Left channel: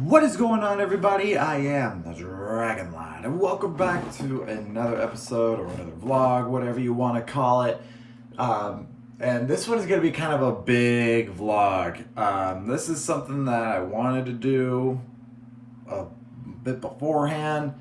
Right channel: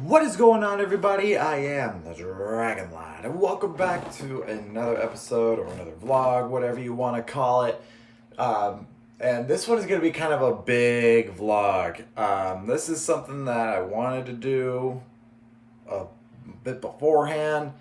What is going on, everybody? I am the Dragon Lad, and welcome back to another episode or another vlog, whatever you want to call it. And this one is going to be kind of a big vlog. This is something that I wanted to do a bit beforehand.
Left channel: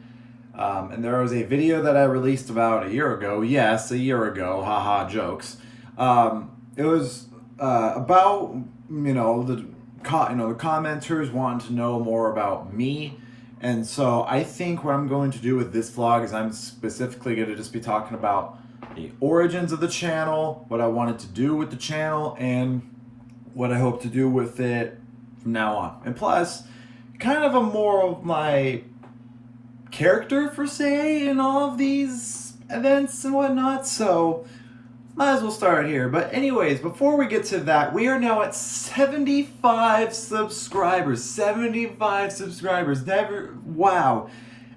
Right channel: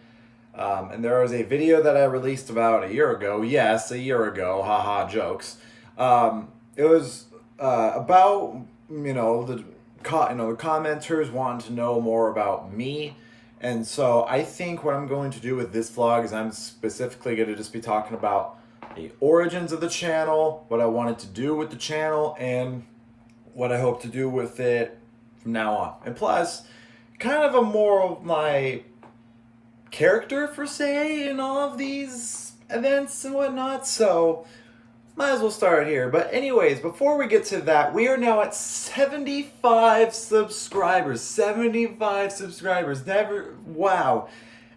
And there was a video that I released about a year ago. Yes, a year ago. Haha, jokes. It was about, the commenters wanting to know more about me. And so I think what I'm going to do with this vlog is I'm specifically going to just be talking about the origins of the channel, what I wanted to do with the channel, and what I hope to do with it from now on. And plus, kind of a more of my character, per se, in all of these events and whatnot. So might as well start here. But anyways, before we get to that, we are now at 75 subscribers. 75 subscribers. Wow.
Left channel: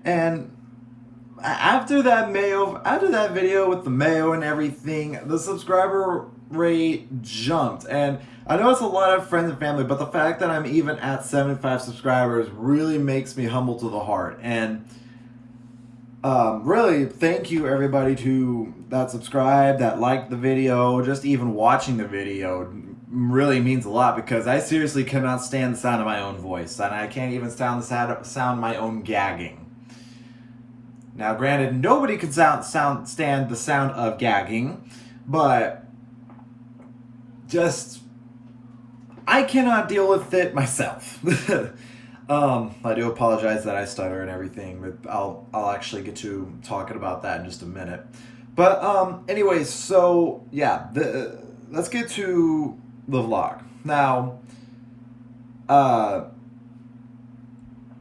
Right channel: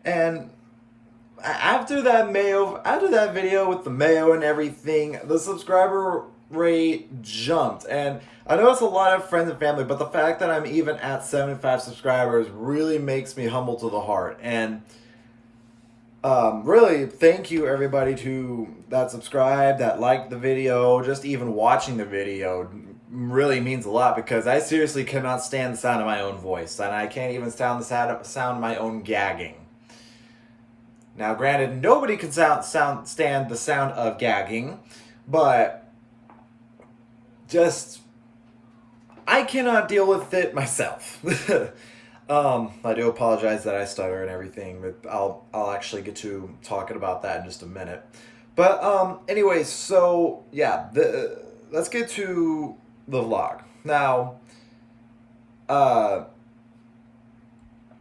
And after that video with the mayo and everything, the subscriber rate jumped. And I know it's a lot of friends and family, but the fact that I'm even at 75 subscribers really makes me humble to the heart. And really, thank you everybody that subscribed, that liked the video, just even watching the video really means a lot, because I seriously cannot stand the sound of my own voice, and I can't even stand the sound of my own gagging. Now, granted, nobody can stand the sound of gagging, but just, I cannot deal with it myself. I do apologize that I stutter and everything, but I'll actually get to talking about that in just a minute. But anyways, so yeah, let's get to the vlog. Now I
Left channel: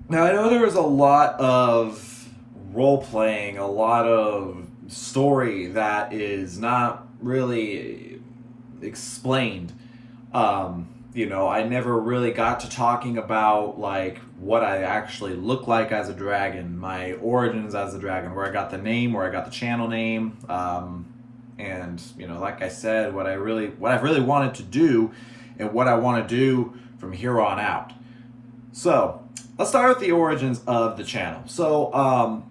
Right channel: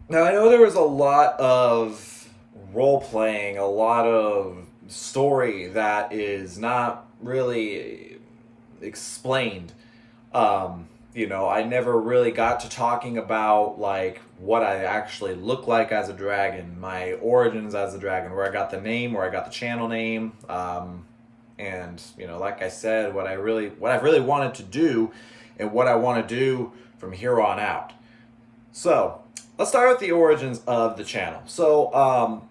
know there was a lot of role playing, a lot of story that is not really explained. I never really got to talking about like what I actually look like as a dragon, my origins as a dragon, where I got the name, where I got the channel name, and like I said, what I've really wanted to do, and what I want to do from here on out. So let's start with the origins of the channel. So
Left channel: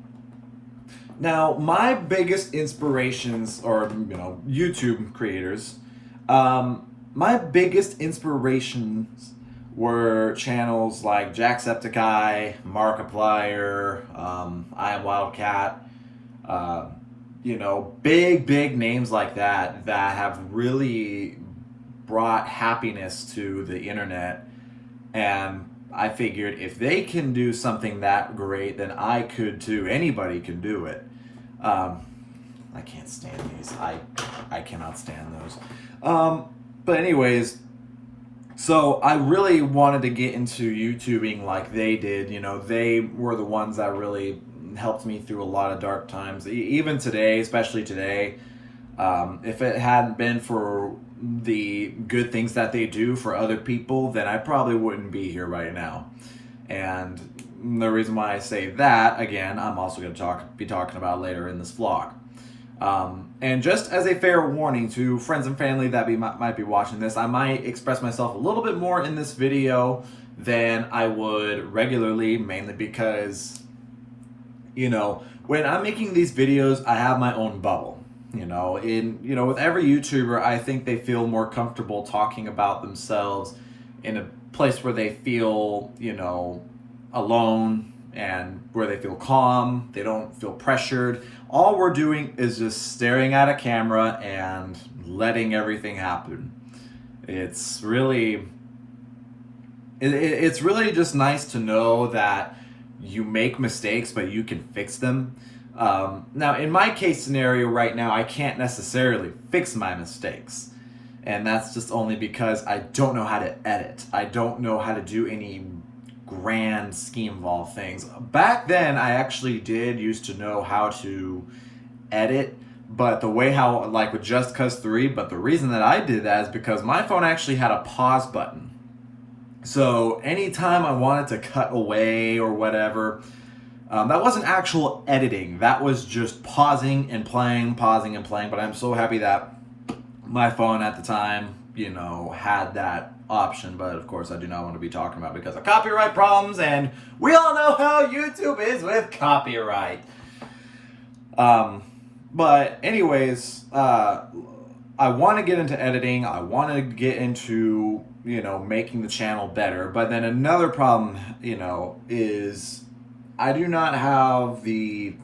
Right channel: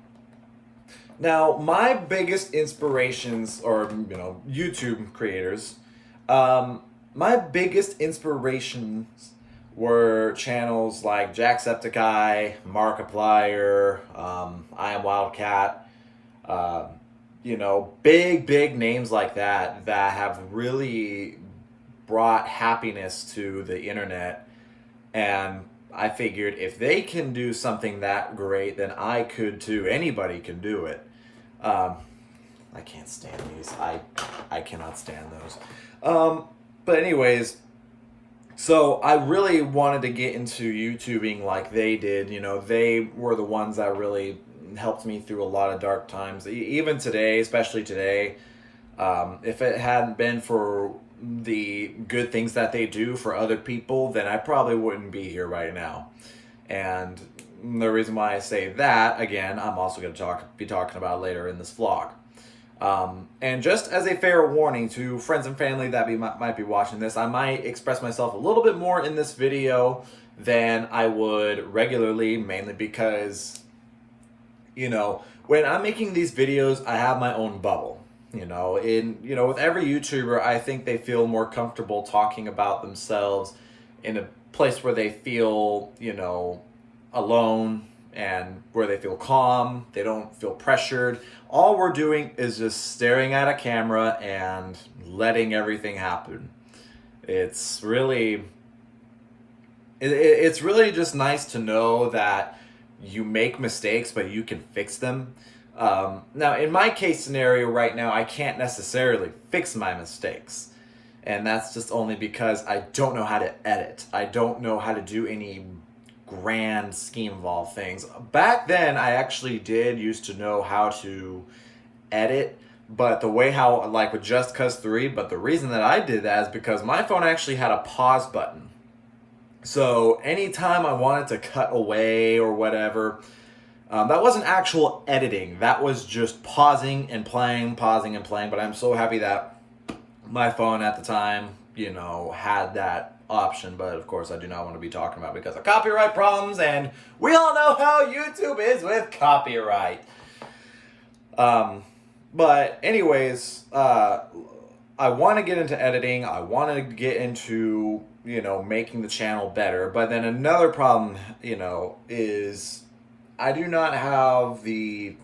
now my biggest inspirations, or YouTube creators, my biggest inspirations were channels like Jacksepticeye, Markiplier, I Am Wildcat, big names like that have really brought happiness to the internet. And I figured if they can do something that great, then I could too. Anybody can do it. I can't stand these. I cannot stand those. But anyways, so I really wanted to get into YouTubing like they did. They were the ones that really helped me through a lot of dark times. Even today, especially today, if it hadn't been for the good things that they do for other people, then I probably wouldn't be here right now. And the reason why I say that, again, I'm also going to be talking about later in this vlog. And just as a fair warning to friends and family that might be watching this, I might express myself a little bit more in this video than I would regularly, mainly because, when I'm making these videos, I have my own bubble. With every YouTuber, I think they feel more comfortable talking about themselves in a place where they feel, alone, and where they feel calm, they don't feel pressured. All we're doing is just staring at a camera and letting everything happen. It's really just nice to know that you make mistakes, but you can fix them. Now, in my case scenario right now, I can't necessarily fix my mistakes. And that's just only because I don't know how to edit. I don't know how to do any grand scheme of all things. Back then, I actually used to know how to edit, but the way like with Just Cause 3, but the reason that I did that is because my phone actually had a pause button. So anytime I wanted to cut away or whatever, that wasn't actual editing. That was just pausing and playing, pausing and playing. But I'm so happy that my phone at the time, had that option, but of course I do not want to be talking about it because of copyright problems, and we all know how YouTube is with copyright. But anyways, I want to get into editing. I want to get into, making the channel better. But then another problem, is I do not have the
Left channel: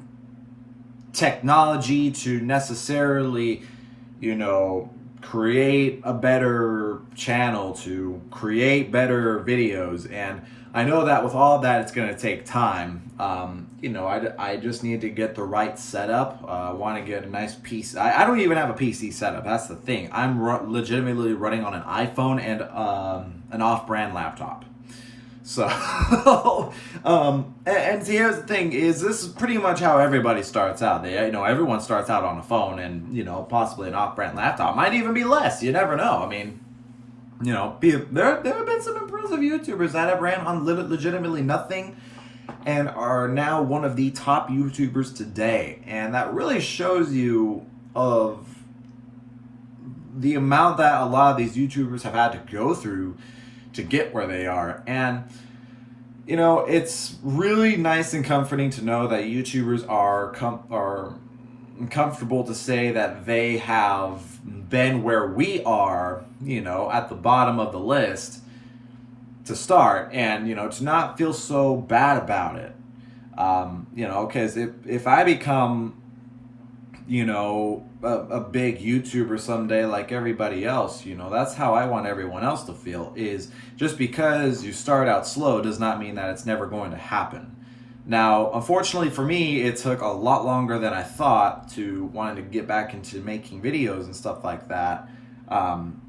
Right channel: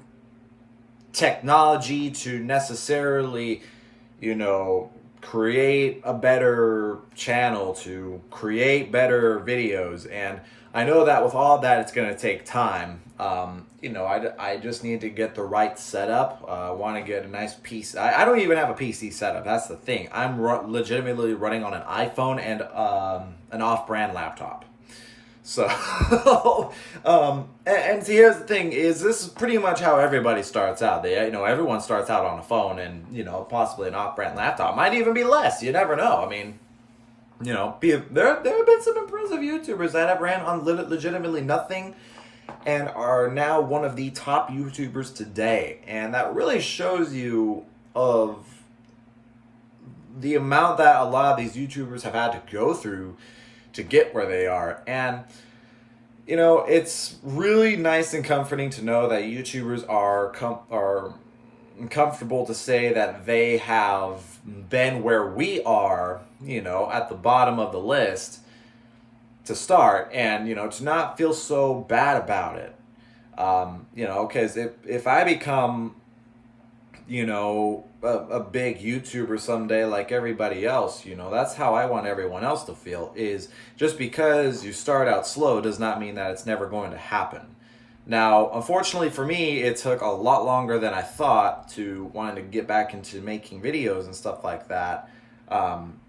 technology to necessarily, create a better channel, to create better videos. And I know that with all that, it's going to take time. I just need to get the right setup. I want to get a nice PC. I don't even have a PC setup. That's the thing. I'm legitimately running on an iPhone and an off-brand laptop. So, and see, here's the thing: is this is pretty much how everybody starts out. Everyone starts out on a phone and possibly an off-brand laptop. Might even be less. You never know. I mean, there have been some impressive YouTubers that have ran on legitimately nothing and are now one of the top YouTubers today. And that really shows you of the amount that a lot of these YouTubers have had to go through to get where they are. And it's really nice and comforting to know that YouTubers are comfortable to say that they have been where we are, at the bottom of the list to start, and to not feel so bad about it. Because if I become a big YouTuber someday like everybody else, that's how I want everyone else to feel. Is just because you start out slow does not mean that it's never going to happen. Now, unfortunately for me, it took a lot longer than I thought to wanting to get back into making videos and stuff like that. And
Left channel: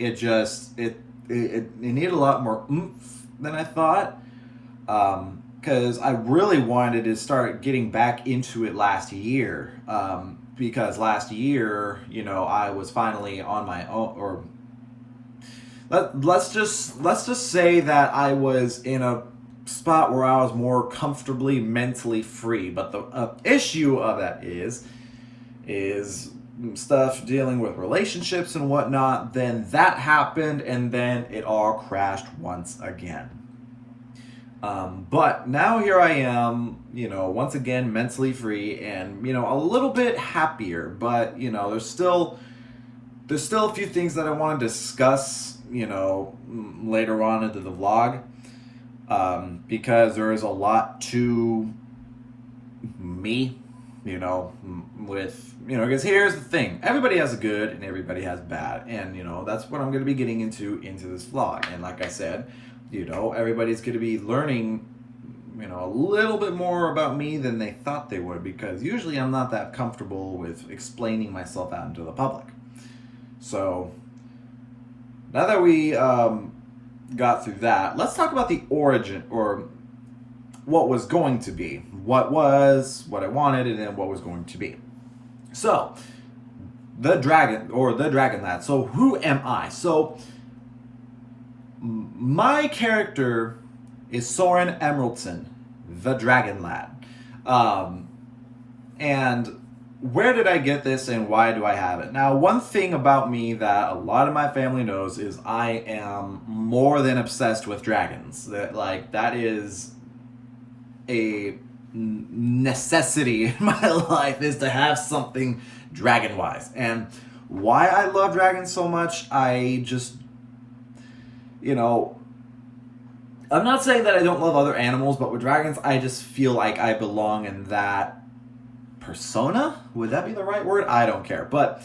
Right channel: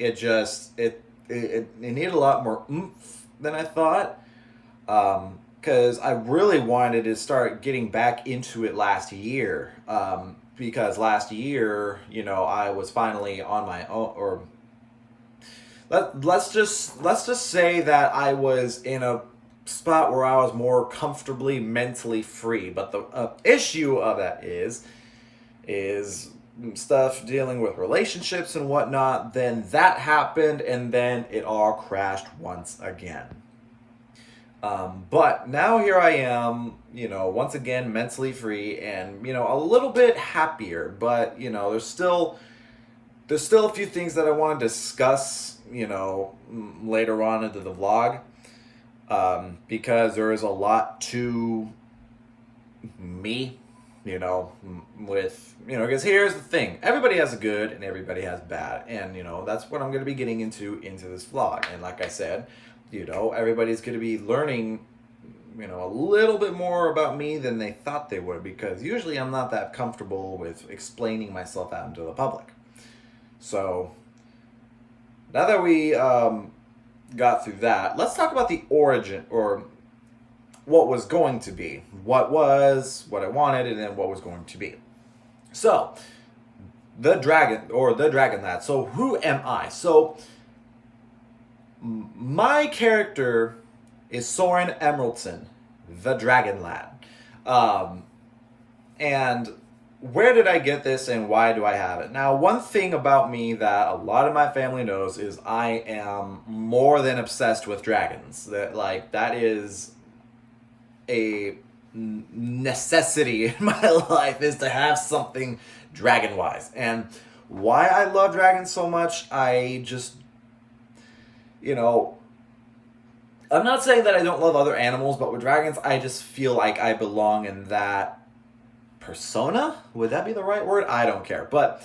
it needed a lot more oomph than I thought. Because I really wanted to start getting back into it last year. Because last year, I was finally on my own, or let's just say that I was in a spot where I was more comfortably mentally free. But the issue of that is stuff dealing with relationships and whatnot. Then that happened, and then it all crashed once again. But now here I am, once again mentally free and a little bit happier. But there's still a few things that I want to discuss, later on into the vlog. Because there is a lot to me, because here's the thing: everybody has a good and everybody has bad, and that's what I'm going to be getting into this vlog. And like I said, everybody's going to be learning, a little bit more about me than they thought they would, because usually I'm not that comfortable with explaining myself out into the public. So now that we got through that, let's talk about the origin, or what was going to be, what I wanted, and then what was going to be. So the dragon lad. So who am I? So my character is Soren Emeraldson, the dragon lad. And where did I get this and why do I have it? Now, one thing about me that a lot of my family knows is I am more than obsessed with dragons. That is a necessity in my life, is to have something dragon-wise. And why I love dragons so much, I just, I'm not saying that I don't love other animals, but with dragons, I just feel like I belong in that persona. Would that be the right word? I don't care. But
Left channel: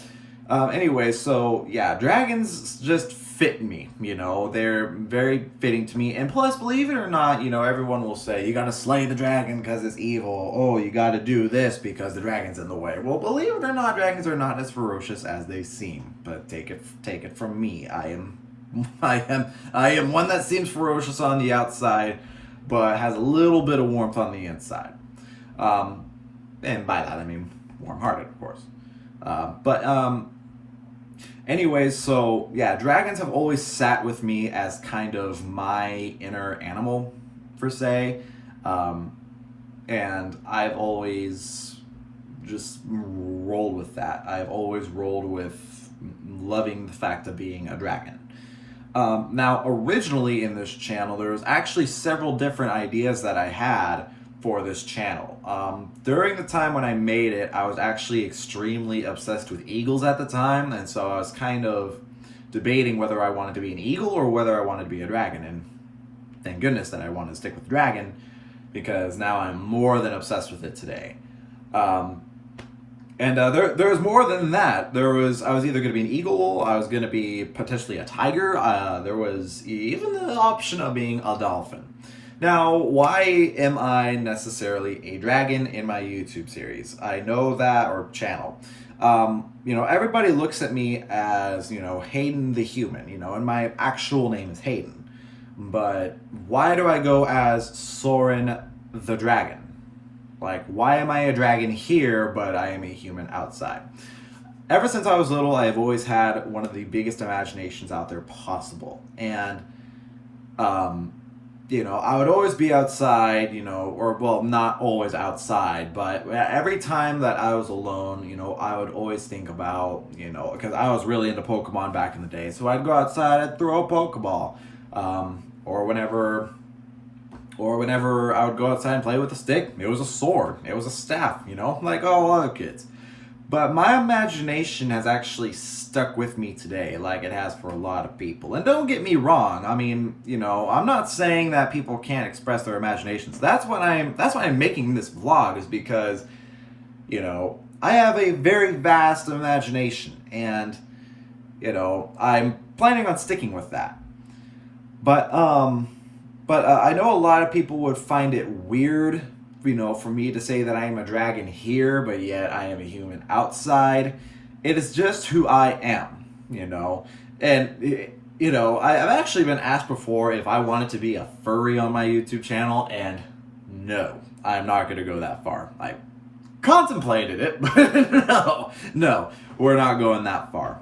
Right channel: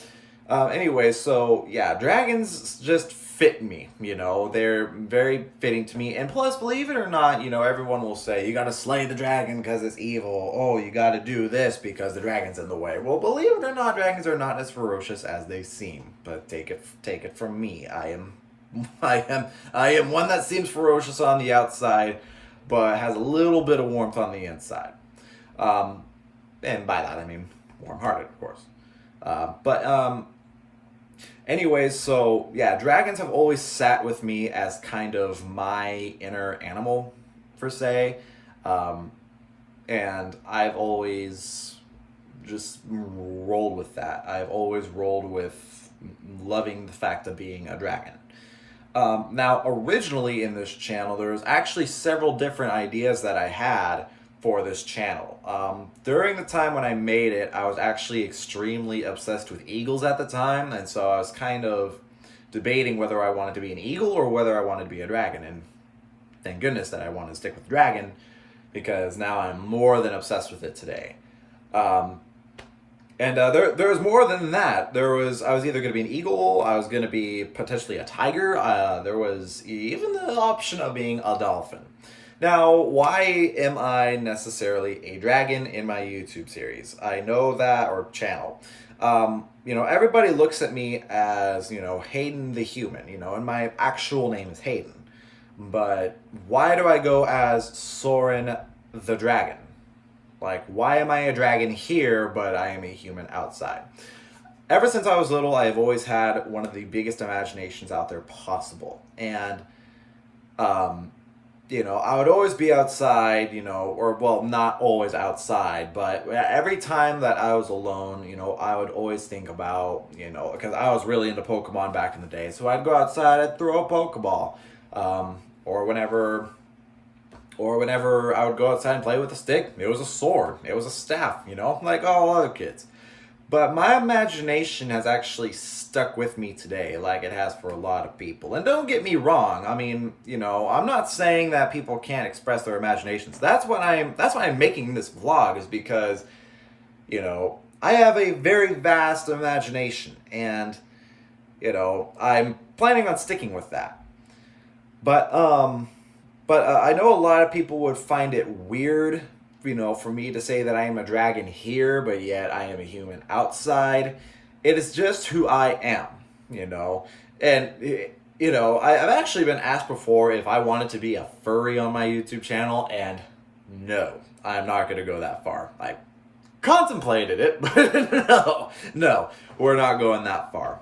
anyway, so yeah, dragons just fit me. They're very fitting to me. And plus, believe it or not, everyone will say you got to slay the dragon because it's evil. Oh, you got to do this because the dragon's in the way. Well, believe it or not, dragons are not as ferocious as they seem. But take it from me. I am one that seems ferocious on the outside, but has a little bit of warmth on the inside. And by that I mean warm-hearted, of course. Anyways, so yeah, dragons have always sat with me as kind of my inner animal, per se. And I've always just rolled with that. I've always rolled with loving the fact of being a dragon. Now, originally in this channel, there was actually several different ideas that I had for this channel. During the time when I made it, I was actually extremely obsessed with eagles at the time, and so I was kind of debating whether I wanted to be an eagle or whether I wanted to be a dragon, and thank goodness that I wanted to stick with dragon, because now I'm more than obsessed with it today. There was more than that. I was either going to be an eagle, I was going to be potentially a tiger, there was even the option of being a dolphin. Now, why am I necessarily a dragon in my YouTube series? I know that, or channel. Everybody looks at me as, Hayden the human, and my actual name is Hayden. But why do I go as Soren the dragon? Like, why am I a dragon here, but I am a human outside? Ever since I was little, I have always had one of the biggest imaginations out there possible. And, I would always be outside, not always outside, but every time that I was alone, I would always think about, because I was really into Pokemon back in the day. So I'd go outside, I'd throw a Pokeball. Or whenever I would go outside and play with a stick, it was a sword, it was a staff, like all other kids. But my imagination has actually stuck with me today, like it has for a lot of people. And don't get me wrong, I mean, I'm not saying that people can't express their imaginations. That's why I'm making this vlog, is because, I have a very vast imagination, and, I'm planning on sticking with that. But I know a lot of people would find it weird, for me to say that I am a dragon here, but yet I am a human outside. It is just who I am, And, I've actually been asked before if I wanted to be a furry on my YouTube channel, and no, I'm not going to go that far. I contemplated it, but no, we're not going that far.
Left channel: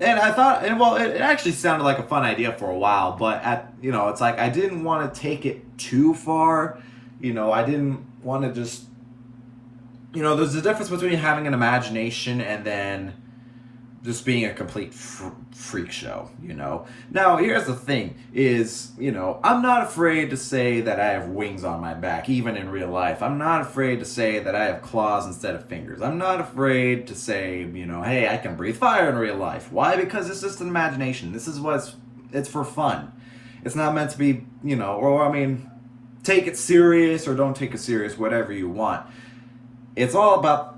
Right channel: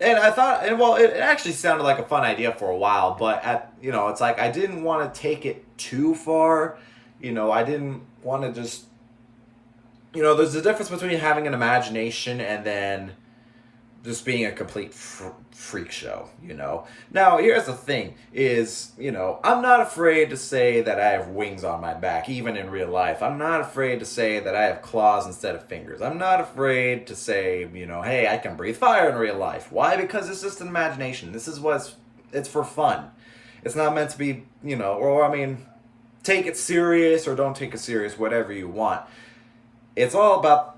And I thought, it actually sounded like a fun idea for a while, but it's like I didn't want to take it too far. I didn't want to just, there's a difference between having an imagination and then just being a complete freak show, Now, here's the thing is, I'm not afraid to say that I have wings on my back, even in real life. I'm not afraid to say that I have claws instead of fingers. I'm not afraid to say, hey, I can breathe fire in real life. Why? Because it's just an imagination. This is it's for fun. It's not meant to be, take it serious or don't take it serious, whatever you want. It's all about,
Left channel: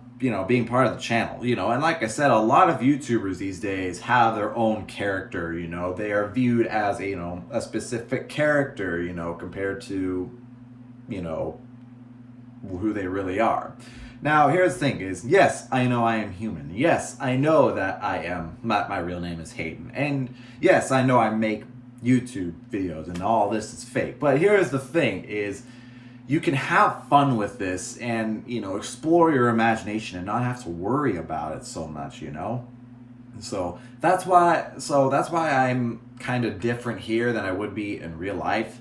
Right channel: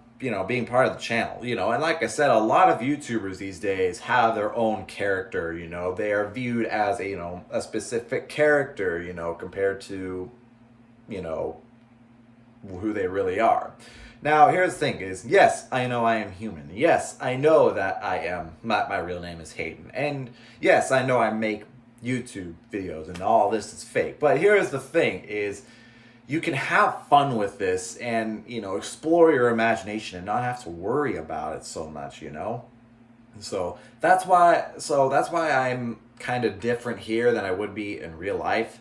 being part of the channel, and like I said, a lot of YouTubers these days have their own character, they are viewed as a specific character, compared to, who they really are. Now, here's the thing is, yes, I know I am human. Yes, I know that my real name is Hayden. And yes, I know I make YouTube videos and all this is fake. But here's the thing is, you can have fun with this and, explore your imagination and not have to worry about it so much, So that's why I'm kind of different here than I would be in real life,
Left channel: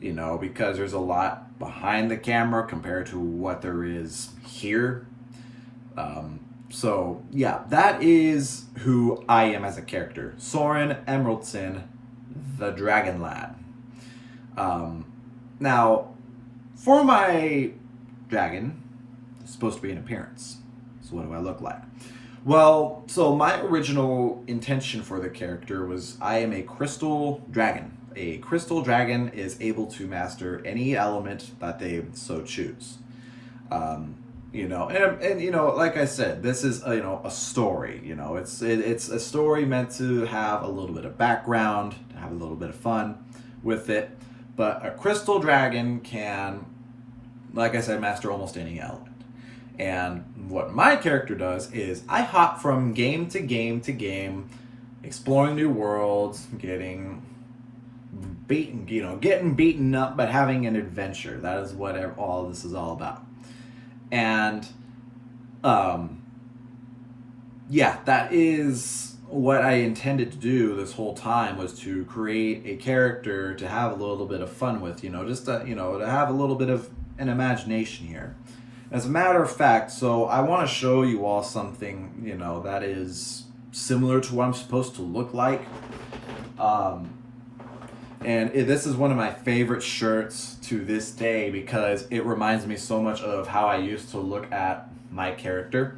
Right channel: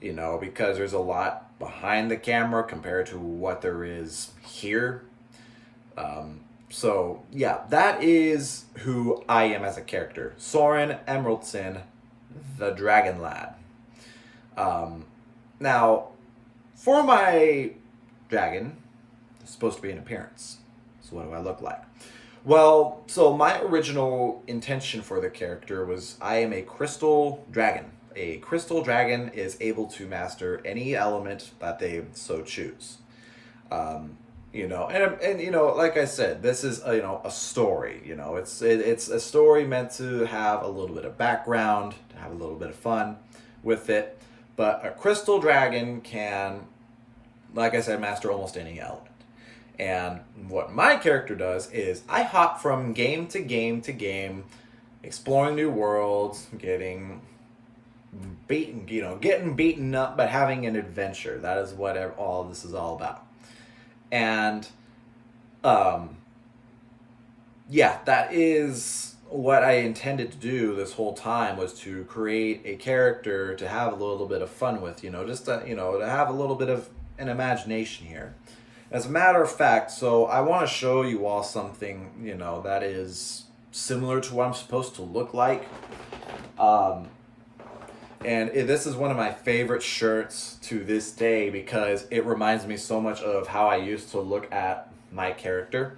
because there's a lot behind the camera compared to what there is here. So yeah, that is who I am as a character. Soren Emeraldson, the Dragon Lad. Now, for my dragon, it's supposed to be an appearance. So what do I look like? Well, so my original intention for the character was I am a crystal dragon. A crystal dragon is able to master any element that they so choose. Like I said, this is a story. It's a story meant to have a little bit of background, to have a little bit of fun with it. But a crystal dragon can, like I said, master almost any element. And what my character does is I hop from game to game to game, exploring new worlds, getting beaten up, but having an adventure. That is what all this is all about. And that is what I intended to do this whole time, was to create a character to have a little bit of fun with, just to have a little bit of an imagination here. As a matter of fact, so I want to show you all something, that is similar to what I'm supposed to look like. This is one of my favorite shirts to this day because it reminds me so much of how I used to look at my character.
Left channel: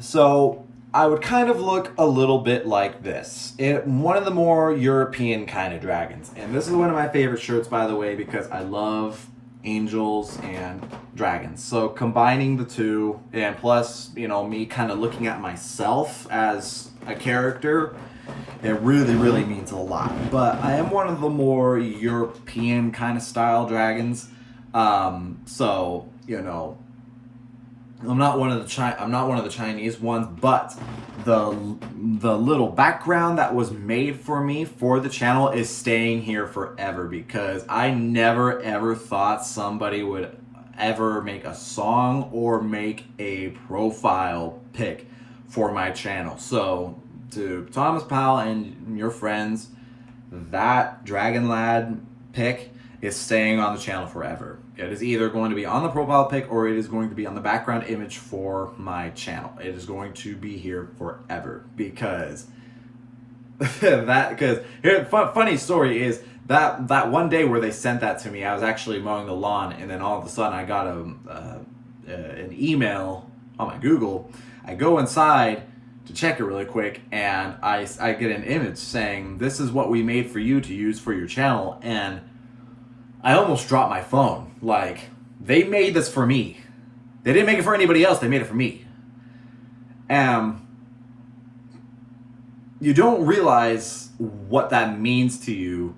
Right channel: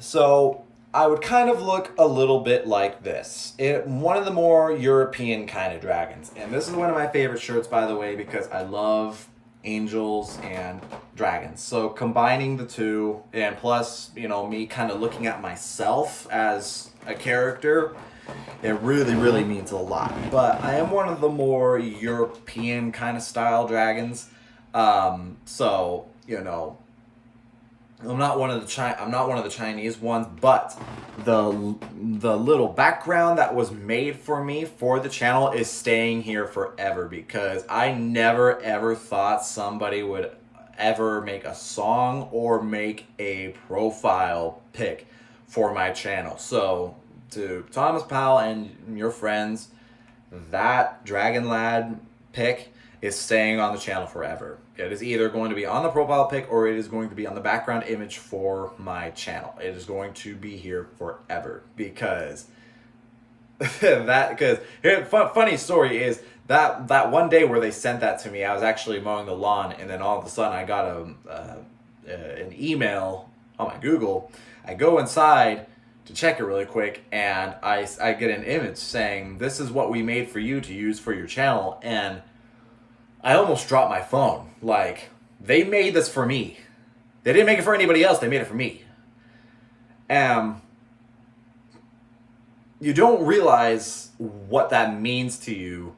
So I would kind of look a little bit like this. One of the more European kind of dragons. And this is one of my favorite shirts, by the way, because I love angels and dragons. So combining the two, and plus, me kind of looking at myself as a character, it really, really means a lot. But I am one of the more European kind of style dragons. I'm not one of the Chinese ones, but the little background that was made for me for the channel is staying here forever because I never ever thought somebody would ever make a song or make a profile pic for my channel. So to Thomas Powell and your friends, that Dragon Lad pic is staying on the channel forever. It is either going to be on the profile pic or it is going to be on the background image for my channel. It is going to be here forever because funny story is that one day where they sent that to me, I was actually mowing the lawn, and then all of a sudden I got an email on my Google. I go inside to check it really quick, and I get an image saying, "This is what we made for you to use for your channel," and I almost dropped my phone. Like, they made this for me. They didn't make it for anybody else. They made it for me. You don't realize what that means to you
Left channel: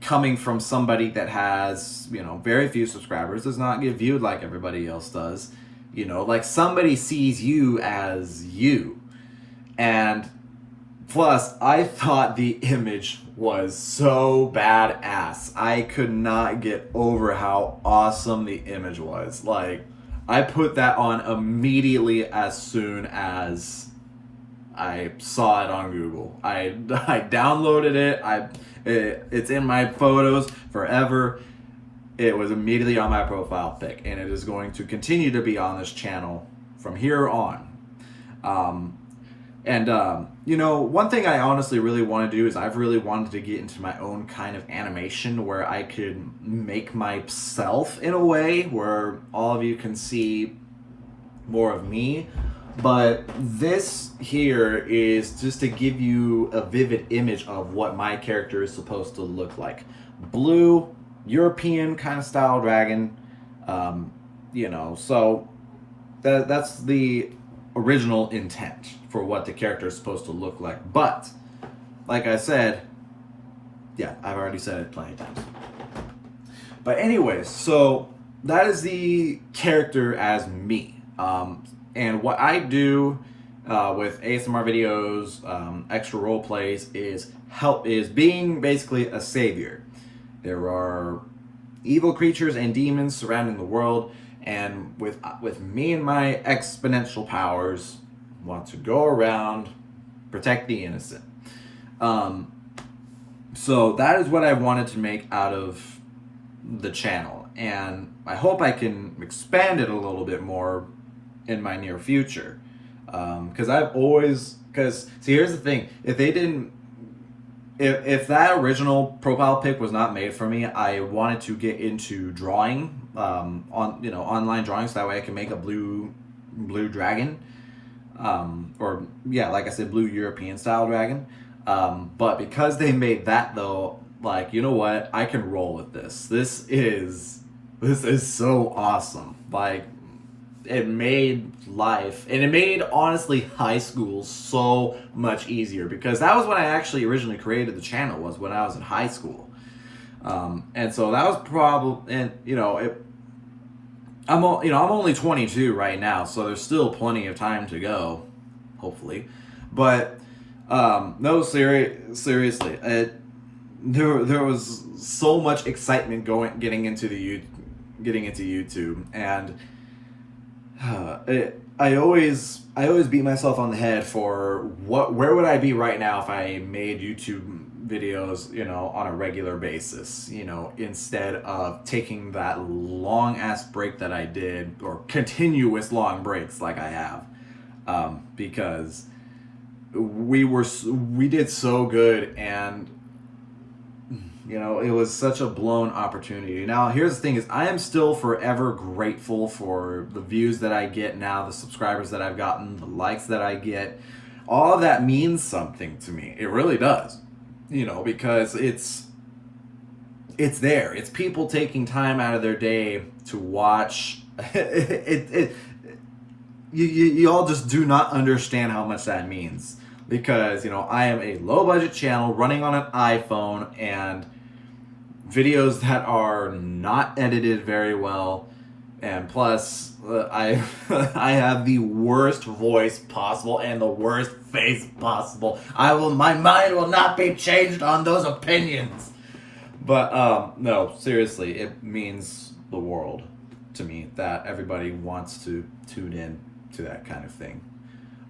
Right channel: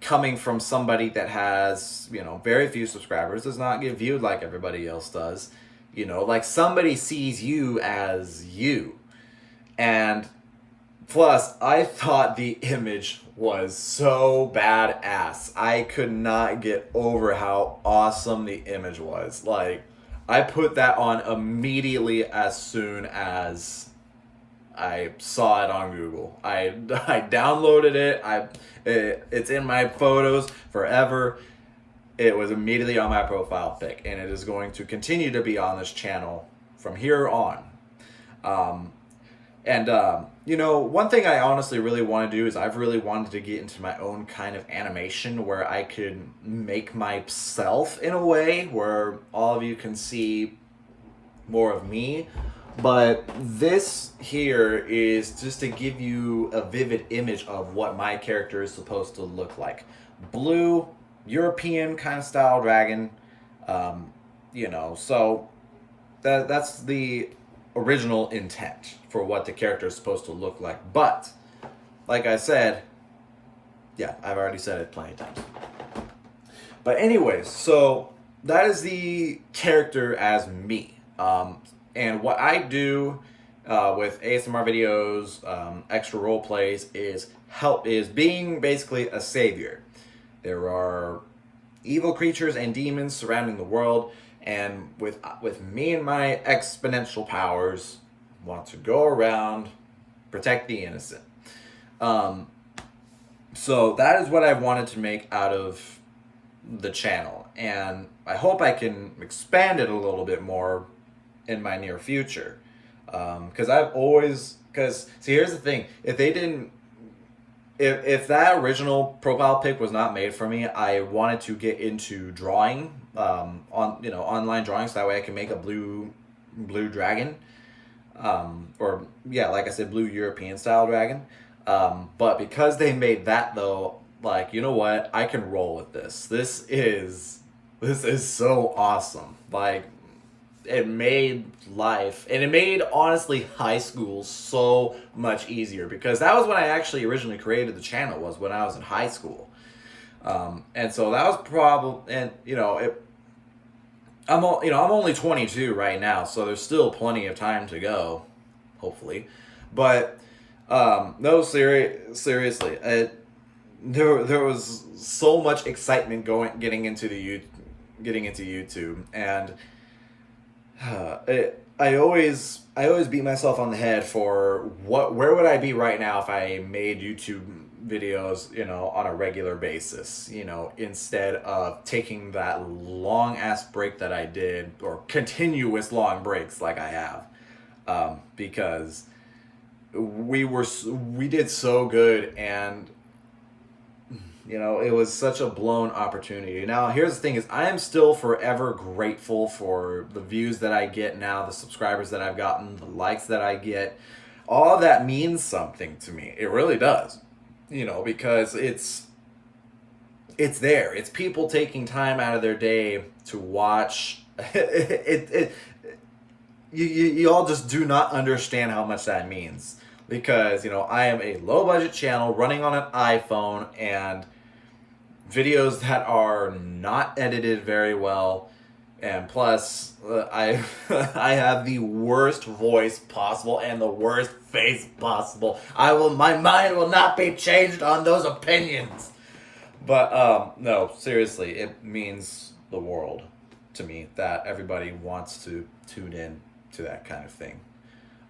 coming from somebody that has, very few subscribers, does not get viewed like everybody else does. Like somebody sees you as you. And plus, I thought the image was so badass. I could not get over how awesome the image was. Like, I put that on immediately as soon as I saw it on Google. I downloaded it. It's in my photos forever. It was immediately on my profile pic, and it is going to continue to be on this channel from here on. One thing I honestly really want to do is I've really wanted to get into my own kind of animation where I could make myself in a way where all of you can see more of me. But this here is just to give you a vivid image of what my character is supposed to look like. Blue, European kind of style dragon, so that's the original intent for what the character is supposed to look like. But like I said, yeah, I've already said it plenty of times. But anyways, so that is the character as me. And what I do with ASMR videos, extra role plays, is being basically a savior. There are evil creatures and demons surrounding the world, and with me and my exponential powers, want to go around, protect the innocent. So that is what I wanted to make out of the channel, and I hope I can expand it a little bit more in my near future. Because see, here's the thing: if that original profile pic was not made for me, I wanted to get into drawing, online drawing, so that way I can make a blue dragon, like I said, blue European style dragon. But because they made that though, like, you know what? I can roll with this. This is so awesome. Like, it made life, and it made, honestly, high school so much easier, because that was when I actually originally created the channel, was when I was in high school. And so that was probably, and I'm only 22 right now, so there's still plenty of time to go, hopefully. But no, seriously, there was so much excitement getting into YouTube, and I always beat myself on the head for where would I be right now if I made YouTube videos, on a regular basis, instead of taking that long ass break that I did, or continuous long breaks like I have. because we did so good, and it was such a blown opportunity. Now, here's the thing: is I am still forever grateful for the views that I get now, the subscribers that I've gotten, the likes that I get. All of that means something to me. It really does. Because it's there. It's people taking time out of their day to watch. You all just do not understand how much that means. Because, I am a low budget channel running on an iPhone, and videos that are not edited very well, and plus I I have the worst voice possible and the worst face possible. My mind will not be changed on those opinions. But no, seriously, it means the world to me that everybody wants to tune in to that kind of thing.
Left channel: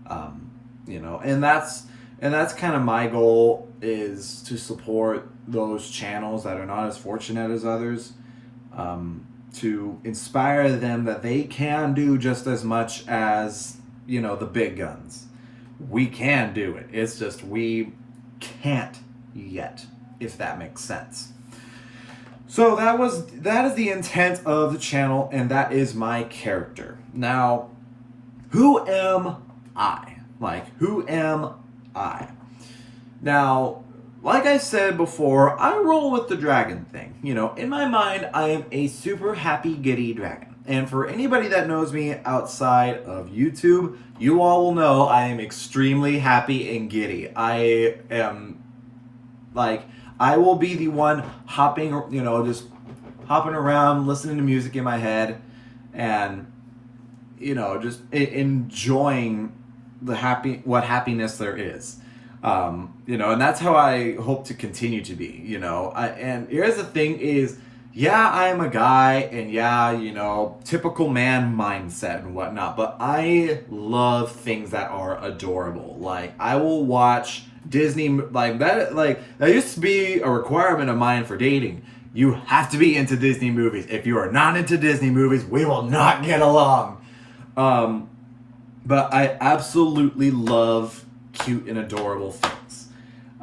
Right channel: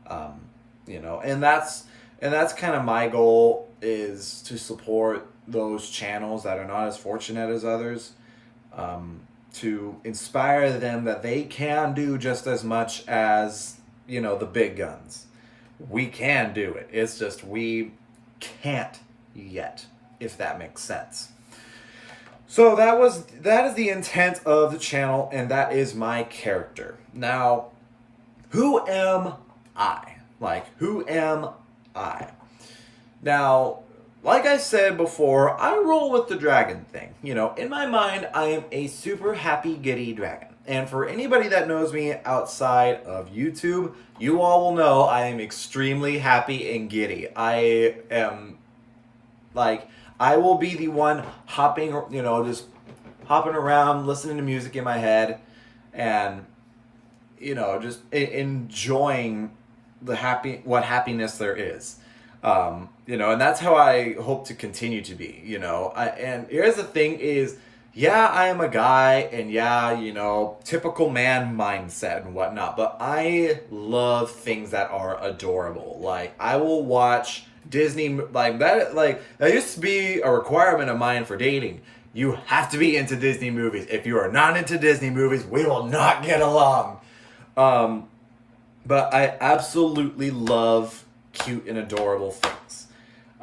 And that's kind of my goal, is to support those channels that are not as fortunate as others, to inspire them that they can do just as much as, the big guns. We can do it. It's just we can't yet, if that makes sense. So that is the intent of the channel, and that is my character. Now, who am I? Who am I? Now, like I said before, I roll with the dragon thing. In my mind, I am a super happy, giddy dragon. And for anybody that knows me outside of YouTube, you all will know I am extremely happy and giddy. I am, I will be the one hopping, just hopping around, listening to music in my head, and, just enjoying what happiness there is. And that's how I hope to continue to be, and here's the thing is, yeah, I am a guy, and yeah, typical man mindset and whatnot, but I love things that are adorable. I will watch Disney, that used to be a requirement of mine for dating. You have to be into Disney movies. If you are not into Disney movies, we will not get along. But I absolutely love cute and adorable things.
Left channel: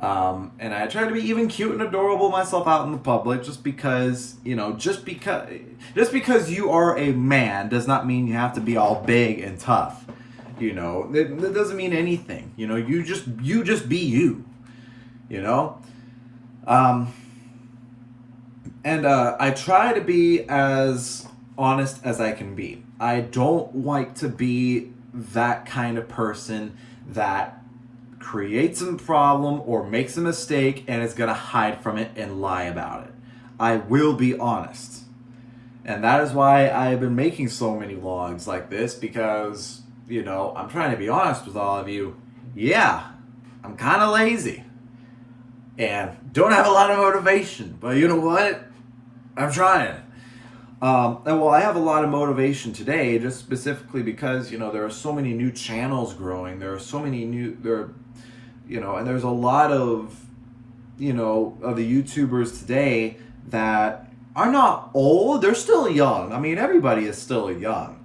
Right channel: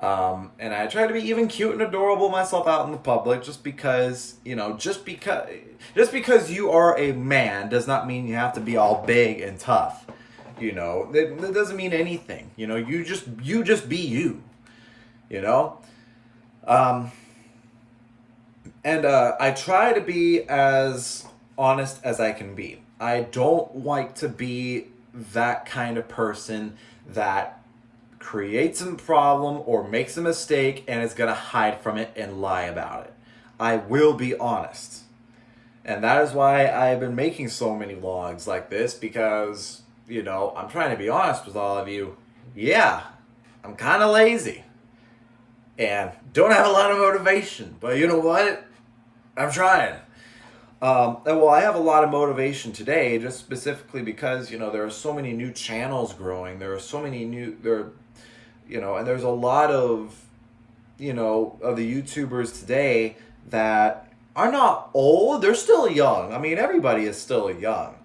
And I try to be even cute and adorable myself out in the public, just because you are a man does not mean you have to be all big and tough. That doesn't mean anything. You just be you. And I try to be as honest as I can be. I don't like to be that kind of person that creates a problem or makes a mistake and is going to hide from it and lie about it. I will be honest. And that is why I've been making so many vlogs like this, because, I'm trying to be honest with all of you. Yeah, I'm kind of lazy and don't have a lot of motivation, but you know what? I'm trying. I have a lot of motivation today, just specifically because, there are so many new channels growing. There are so many and there's a lot of, of the YouTubers today that are not old. They're still young. I mean, everybody is still young,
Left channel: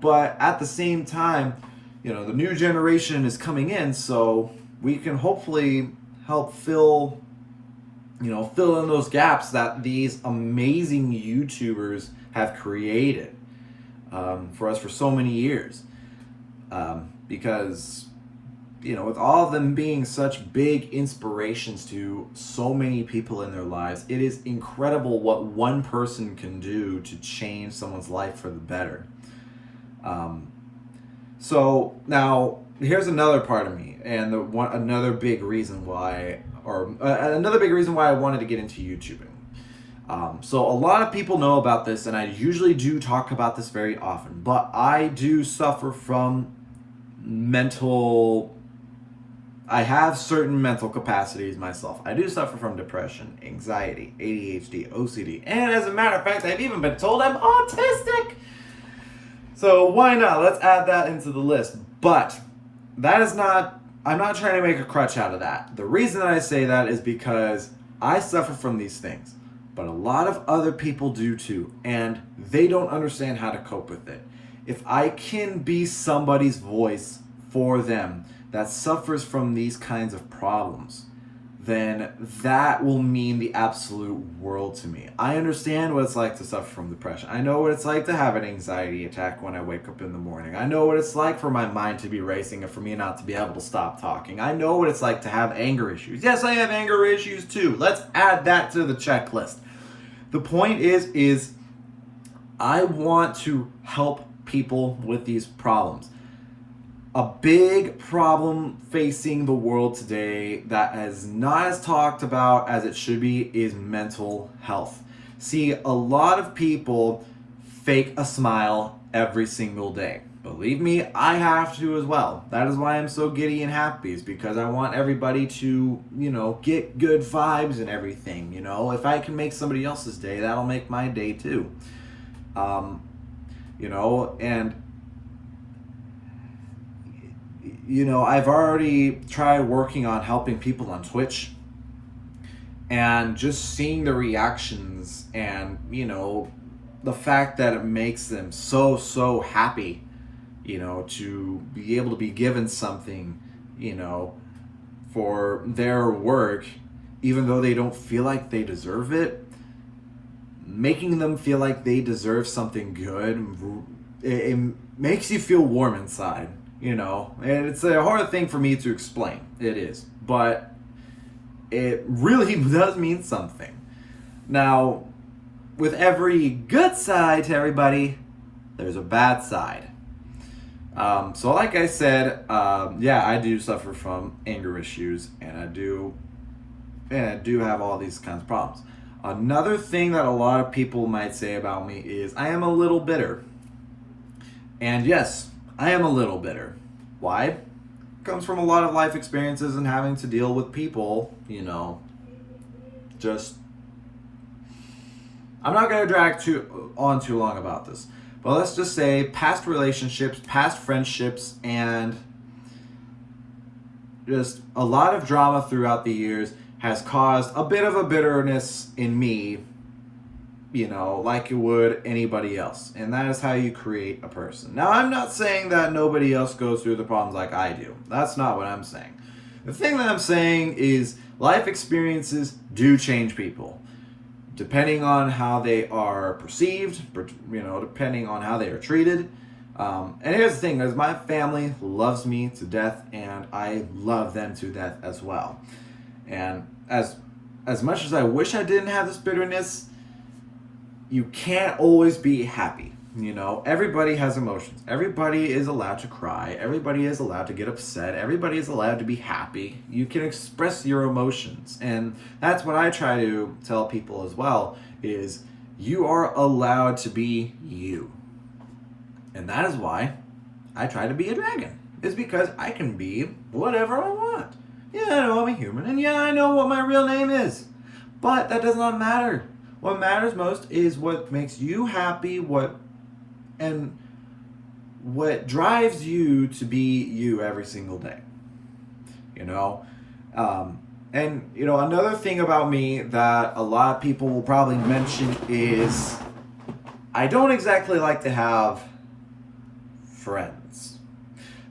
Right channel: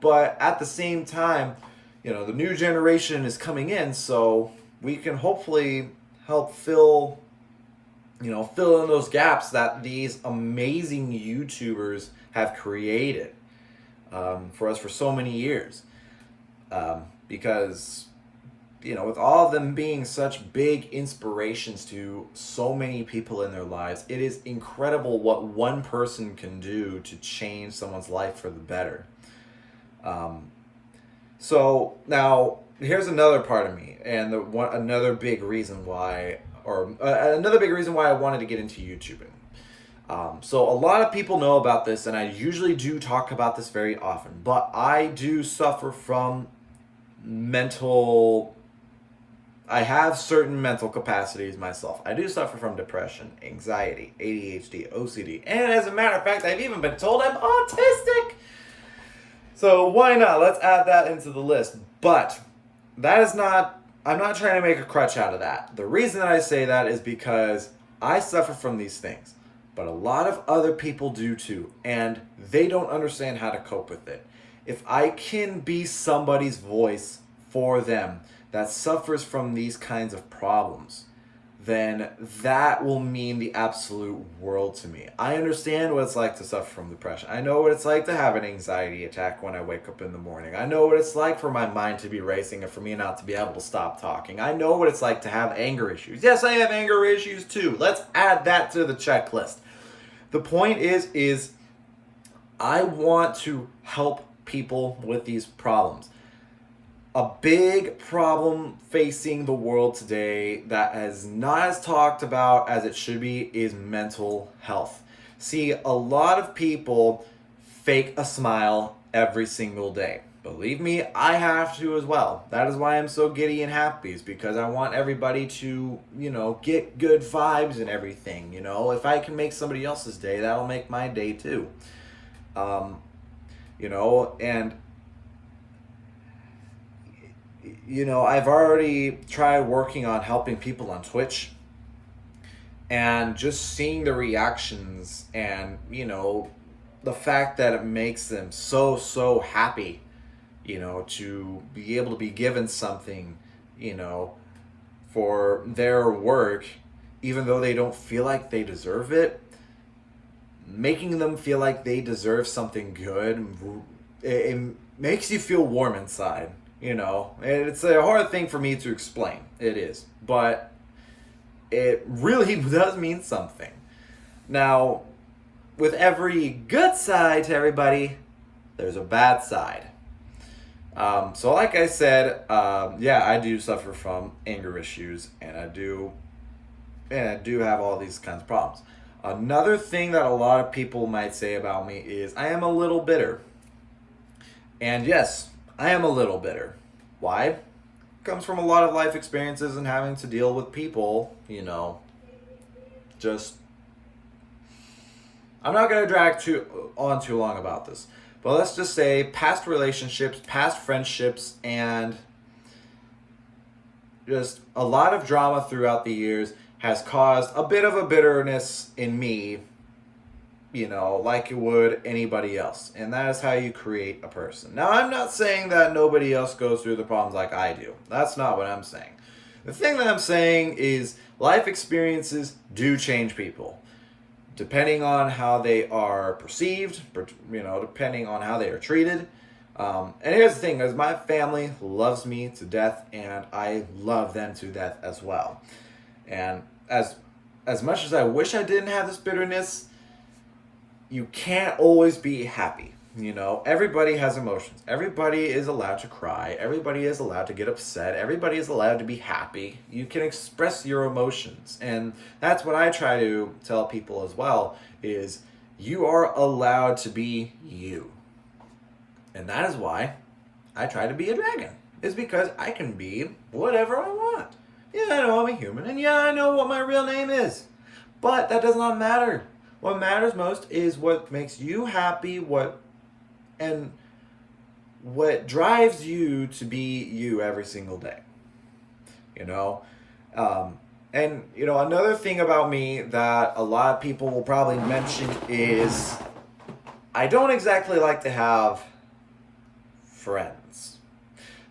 but at the same time, the new generation is coming in, so we can hopefully help fill in those gaps that these amazing YouTubers have created for us for so many years. Because, with all of them being such big inspirations to so many people in their lives, it is incredible what one person can do to change someone's life for the better. So now here's another part of me, and another big reason why I wanted to get into YouTubing. So a lot of people know about this, and I usually do talk about this very often, but I do suffer from I have certain mental capacities myself. I do suffer from depression, anxiety, ADHD, OCD, and as a matter of fact, I've even been told I'm autistic. So why not? Let's add that into the list. But I'm not trying to make a crutch out of that. The reason that I say that is because I suffer from these things, but a lot of other people do too, and they don't understand how to cope with it. If I can be somebody's voice for them that suffers from these kinds of problems, then that will mean the absolute world to me. I understand what it's like to suffer from depression. I know what it's like to have an anxiety attack when I wake up in the morning. I know what it's like for my mind to be racing and for me not to be able to stop talking. I know what it's like to have anger issues. Yes, I have anger issues too. Let's add that to the checklist. The point is I want to help people with these problems. A big problem facing the world today that is not as talked about as it should be is mental health. See, a lot of people fake a smile every single day. Believe me, I have to as well. That is why I'm so giddy and happy, is because I want everybody to, get good vibes and everything. If I can make somebody else's day, that'll make my day too. I've already tried working on helping people on Twitch, and just seeing the reactions and, the fact that it makes them so happy, to be able to be given something, for their work, even though they don't feel like they deserve it, making them feel like they deserve something good, it makes you feel warm inside. And it's a hard thing for me to explain. It is. But it really does mean something. Now, with every good side to everybody, there's a bad side. So like I said, I do suffer from anger issues, and I do have all these kinds of problems. Another thing that a lot of people might say about me is I am a little bitter. And yes, I am a little bitter. Why? It comes from a lot of life experiences and having to deal with people, I'm not going to drag too long about this, but let's just say past relationships, past friendships, and just a lot of drama throughout the years has caused a bit of a bitterness in me, like it would anybody else. And that is how you create a person. Now, I'm not saying that nobody else goes through the problems like I do. That's not what I'm saying. The thing that I'm saying is life experiences do change people, depending on how they are perceived, depending on how they are treated. And here's the thing, is my family loves me to death, and I love them to death as well. And as much as I wish I didn't have this bitterness, you can't always be happy. Everybody has emotions. Everybody is allowed to cry. Everybody is allowed to get upset. Everybody is allowed to be happy. You can express your emotions. And that's what I try to tell people as well, is you are allowed to be you. And that is why I try to be a dragon. It's because I can be whatever I want. Yeah, I know I'm a human, and yeah, I know what my real name is. But that does not matter. What matters most is what makes you happy, what drives you to be you every single day. Another thing about me that a lot of people will probably mention is I don't exactly like to have friends.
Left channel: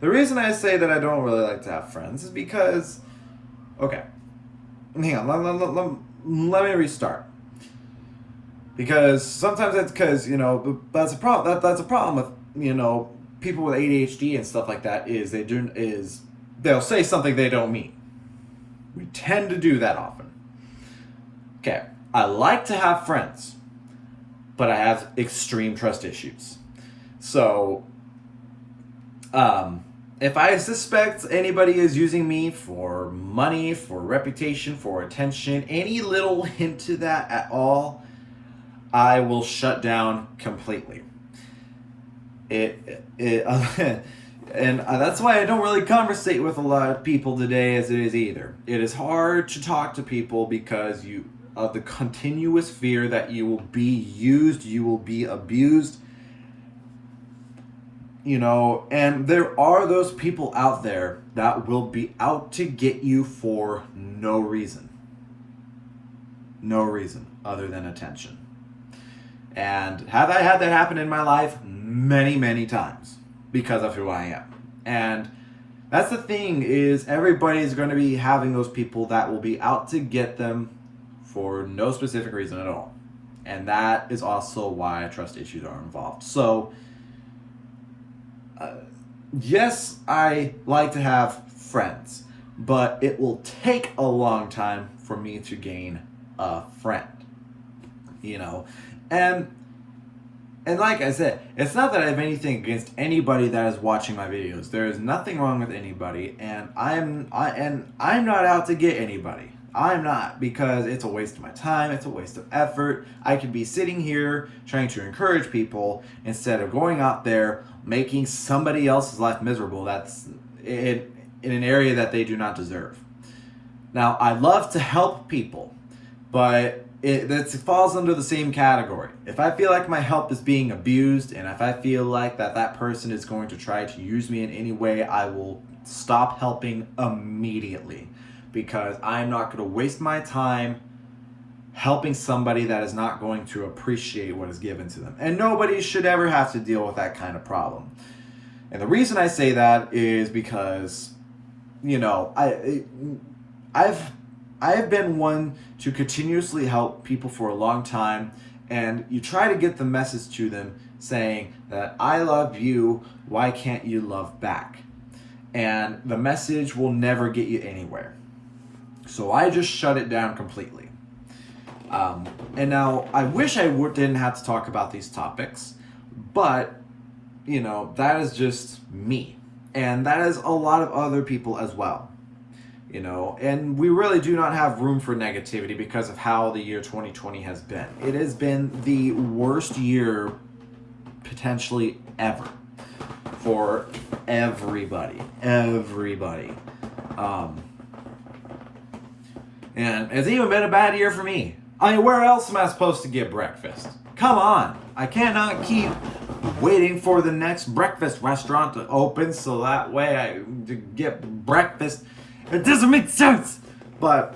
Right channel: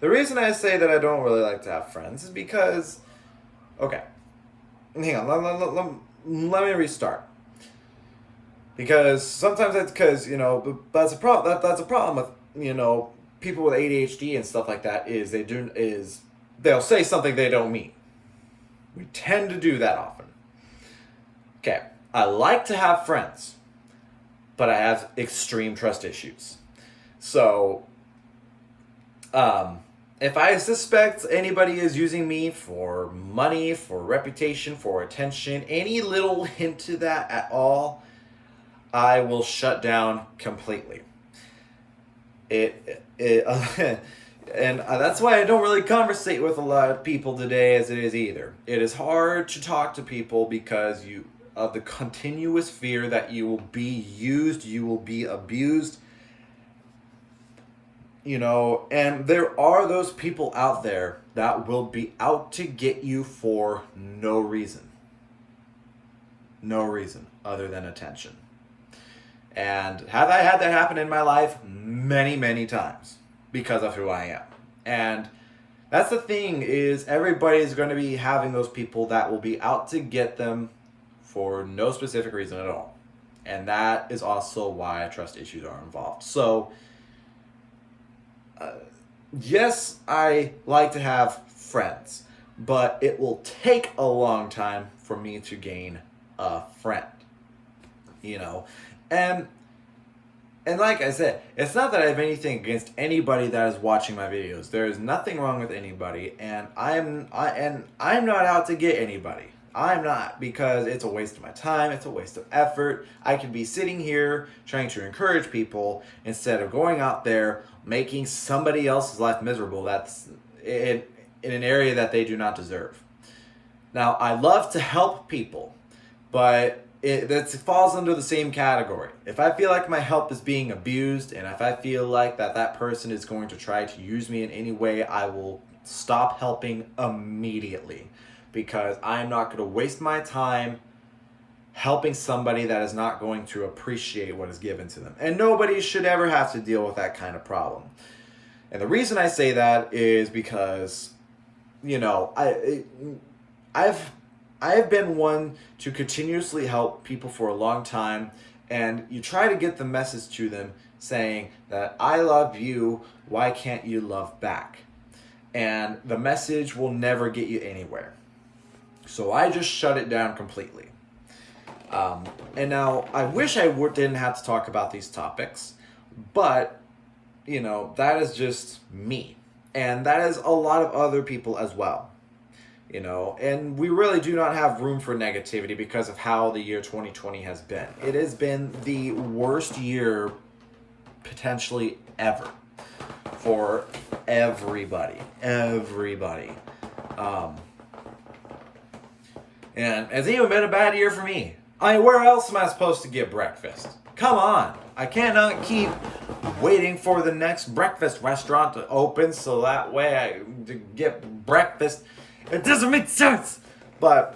The reason I say that I don't really like to have friends is because, okay, hang on, let me restart. Because sometimes it's because, that's a problem. That's a problem with, people with ADHD and stuff like that, is they'll say something they don't mean. We tend to do that often. Okay, I like to have friends, but I have extreme trust issues. So, if I suspect anybody is using me for money, for reputation, for attention, any little hint to that at all, I will shut down completely. And that's why I don't really conversate with a lot of people today as it is either. It is hard to talk to people because of the continuous fear that you will be used, you will be abused. And there are those people out there that will be out to get you for no reason. No reason other than attention. And have I had that happen in my life? Many, many times, because of who I am. And That's the thing, is everybody's going to be having those people that will be out to get them for no specific reason at all. And that is also why trust issues are involved. So, yes, I like to have friends, but it will take a long time for me to gain a friend, you know? And like I said, it's not that I have anything against anybody that is watching my videos. There is nothing wrong with anybody, and I'm not out to get anybody. I'm not, because it's a waste of my time, it's a waste of effort. I could be sitting here trying to encourage people instead of going out there making somebody else's life miserable that's in an area that they do not deserve. Now, I love to help people, but it falls under the same category. If I feel like my help is being abused, and if I feel like that person is going to try to use me in any way, I will stop helping immediately, because I'm not going to waste my time helping somebody that is not going to appreciate what is given to them. And nobody should ever have to deal with that kind of problem. And the reason I say that is because, you know, I've been one to continuously help people for a long time, and you try to get the message to them saying that I love you, why can't you love back? And the message will never get you anywhere. So I just shut it down completely. And now I wish I didn't have to talk about these topics, but, you know, that is just me. And that is a lot of other people as well. You know, and we really do not have room for negativity because of how the year 2020 has been. It has been the worst year potentially ever for everybody. And it's even been a bad year for me. I mean, where else am I supposed to get breakfast? Come on. I cannot keep waiting for the next breakfast restaurant to open so that way I get breakfast. It doesn't make sense. But,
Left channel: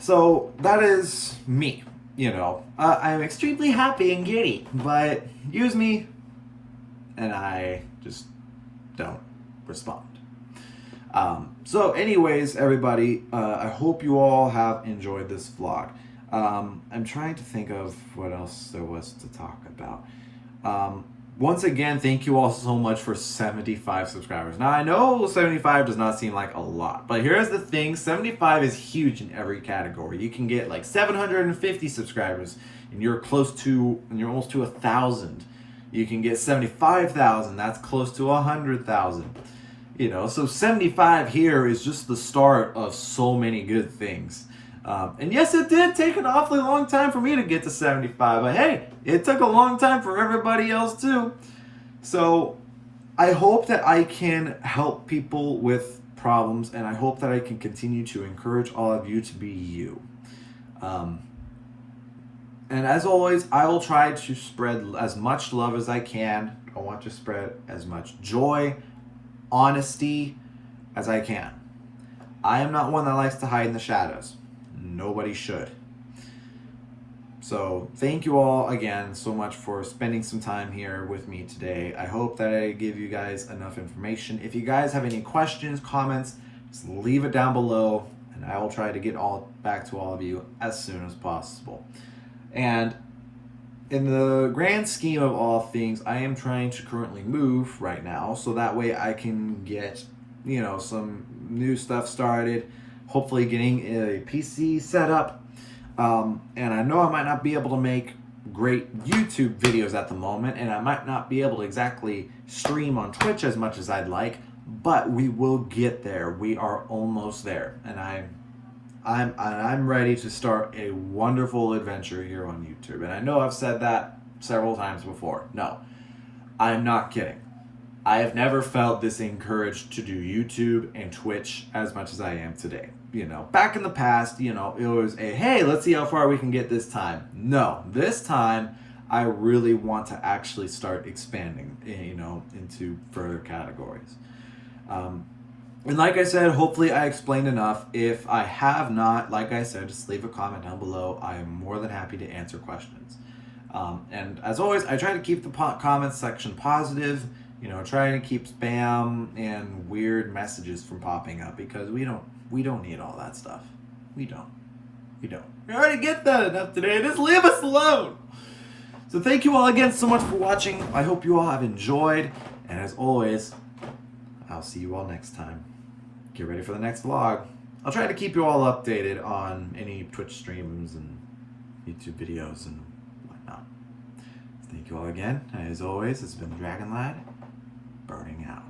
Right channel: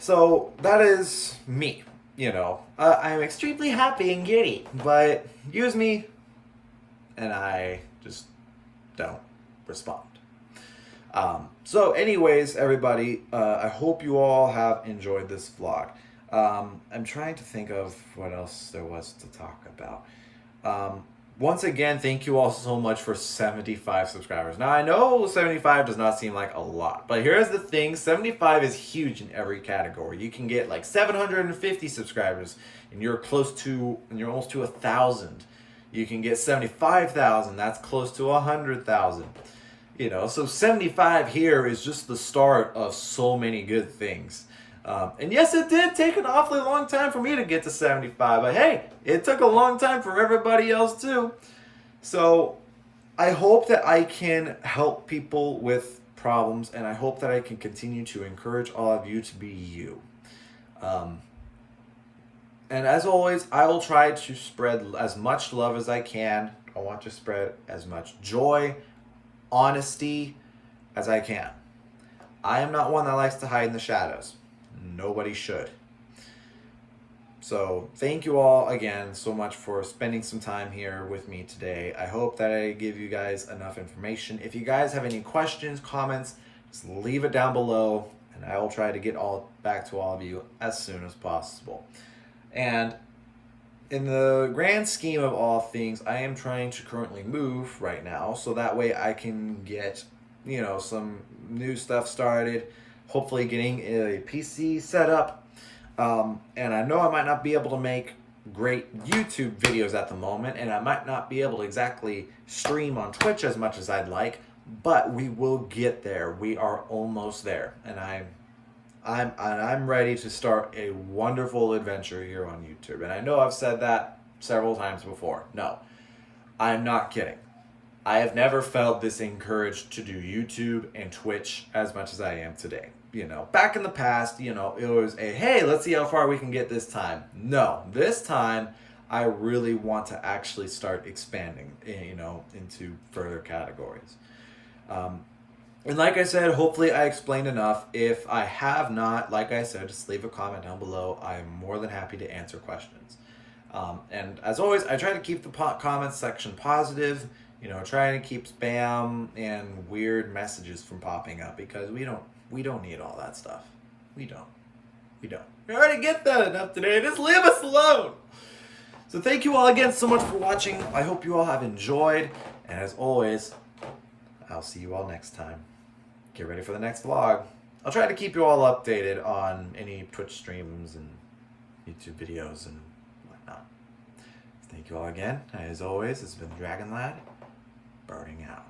so that is me, you know. I am extremely happy and giddy, but use me and I just don't respond. So anyways, everybody, I hope you all have enjoyed this vlog. I'm trying to think of what else there was to talk about. Once again, thank you all so much for 75 subscribers. Now, I know 75 does not seem like a lot, but here's the thing. 75 is huge in every category. You can get like 750 subscribers, and you're almost to 1,000. You can get 75,000. That's close to 100,000. You know, so 75 here is just the start of so many good things. And yes, it did take an awfully long time for me to get to 75, but hey, it took a long time for everybody else too. So I hope that I can help people with problems, and I hope that I can continue to encourage all of you to be you. And as always, I will try to spread as much love as I can. I want to spread as much joy, honesty as I can. I am not one that likes to hide in the shadows. Nobody should. So thank you all again so much for spending some time here with me today. I hope that I give you guys enough information. If you guys have any questions, comments, just leave it down below, and I will try to get back to all of you as soon as possible. And in the grand scheme of all things, I am trying to currently move right now, so that way I can get, you know, some new stuff started. Hopefully getting a PC set up. And I know I might not be able to make great YouTube videos at the moment, and I might not be able to exactly stream on Twitch as much as I'd like, but we will get there. We are almost there, and I'm ready to start a wonderful adventure here on YouTube. And I know I've said that several times before. No, I'm not kidding. I have never felt this encouraged to do YouTube and Twitch as much as I am today. You know, back in the past, you know, it was hey, let's see how far we can get this time. No, this time I really want to actually start expanding, you know, into further categories. And like I said, hopefully I explained enough. If I have not, like I said, just leave a comment down below. I am more than happy to answer questions. And as always, I try to keep the comments section positive, trying to keep spam and weird messages from popping up, because we don't need all that stuff. We don't. We already get that enough today. Just leave us alone. So thank you all again so much for watching. I hope you all have enjoyed. And as always, I'll see you all next time. Get ready for the next vlog. I'll try to keep you all updated on any Twitch streams and YouTube videos and whatnot. Thank you all again. As always, it's been Dragon Lad, burning out.